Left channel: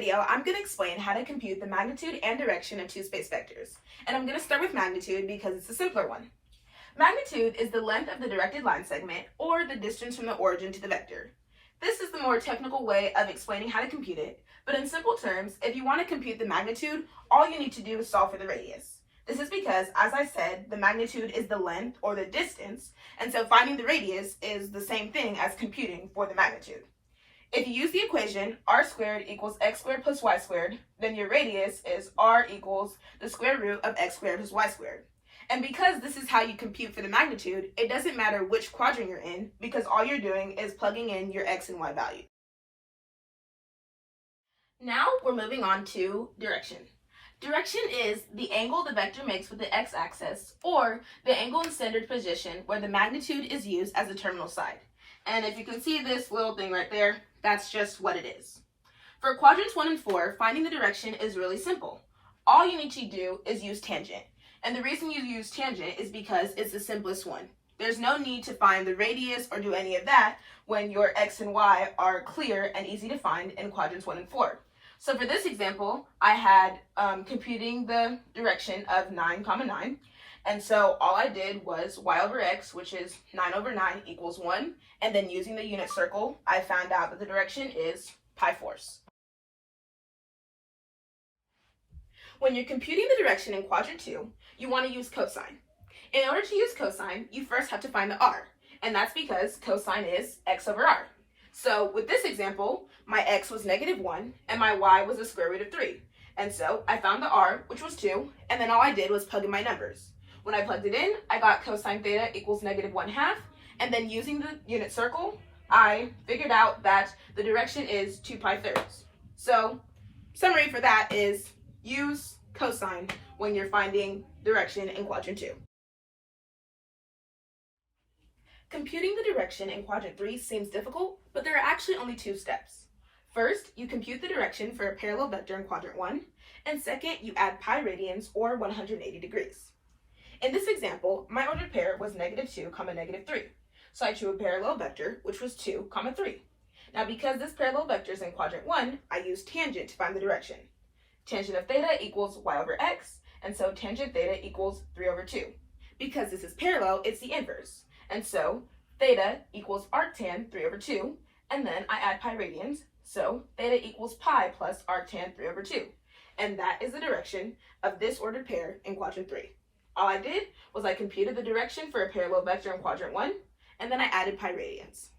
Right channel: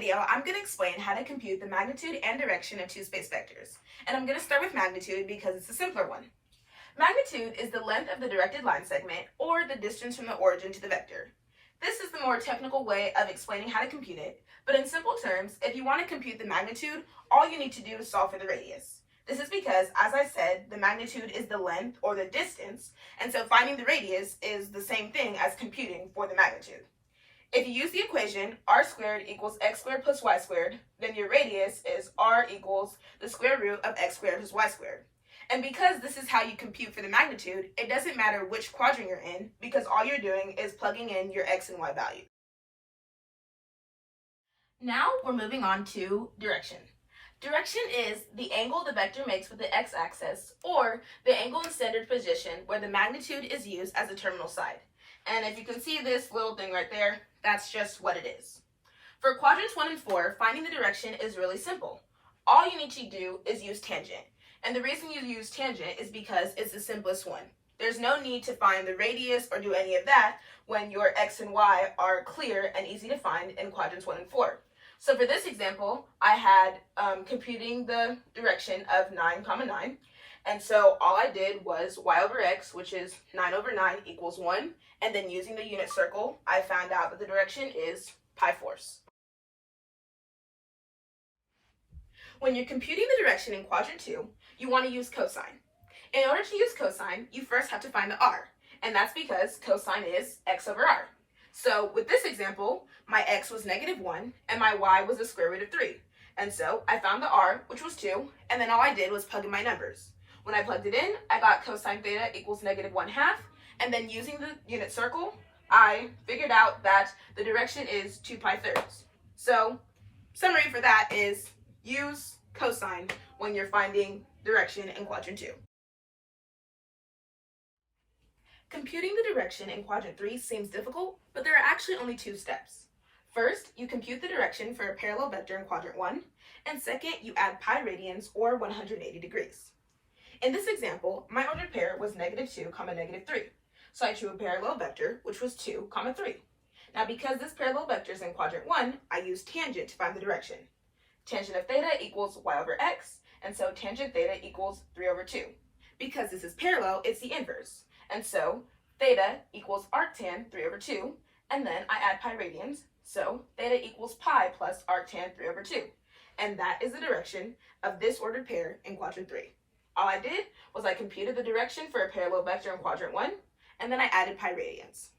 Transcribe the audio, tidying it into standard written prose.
video, I'm going to explain how to compute the magnitude and direction of two space vectors. And I'm going to start with magnitude because it's a simpler one. Magnitude is the length of the directed line segment, or the distance from the origin to the vector. This is the more technical way of explaining how to compute it, but in simple terms, if you want to compute the magnitude, all you need to do is solve for the radius. This is because, as I said, the magnitude is the length or the distance, and so finding the radius is the same thing as computing for the magnitude. If you use the equation r squared equals x squared plus y squared, then your radius is r equals the square root of x squared plus y squared. And because this is how you compute for the magnitude, it doesn't matter which quadrant you're in, because all you're doing is plugging in your x and y value. Now we're moving on to direction. Direction is the angle the vector makes with the x-axis, or the angle in standard position where the magnitude is used as a terminal side. And if you can see this little thing right there, that's just what it is. For quadrants 1 and 4, finding the direction is really simple. All you need to do is use tangent. And the reason you use tangent is because it's the simplest one. There's no need to find the radius or do any of that when your x and y are clear and easy to find in quadrants 1 and 4. So for this example, I had computing the direction of 9, 9. And so all I did was y over x, which is 9 over 9 equals 1. And then using the unit circle, I found out that the direction is pi fourths. When you're computing the direction in quadrant 2, you want to use cosine. In order to use cosine, you first have to find the r. And that's because cosine is x over r. So with this example, my x was -1 and my y was the square root of 3. And so I found the r, which was 2, and then all I did was plug in my numbers. When I plugged it in, I got cosine theta equals -1/2, and then using the unit circle, I figured out that the direction is 2 pi thirds. So summary for that is use cosine when you're finding direction in quadrant 2. Computing the direction in quadrant 3 seems difficult, but there are actually only 2 steps. First, you compute the direction for a parallel vector in quadrant 1, and second, you add pi radians or 180 degrees. In this example, my ordered pair was -2, -3. So I drew a parallel vector, which was 2, 3. Now because this parallel vector is in quadrant 1, I used tangent to find the direction. Tangent of theta equals y over x, and so tangent theta equals 3 over 2. Because this is parallel, it's the inverse. And so theta equals arctan 3 over 2, and then I add pi radians, so theta equals pi plus arctan 3 over 2. And that is the direction of this ordered pair in quadrant 3. All I did was I computed the direction for a parallel vector in quadrant 1, and then I added pi radians.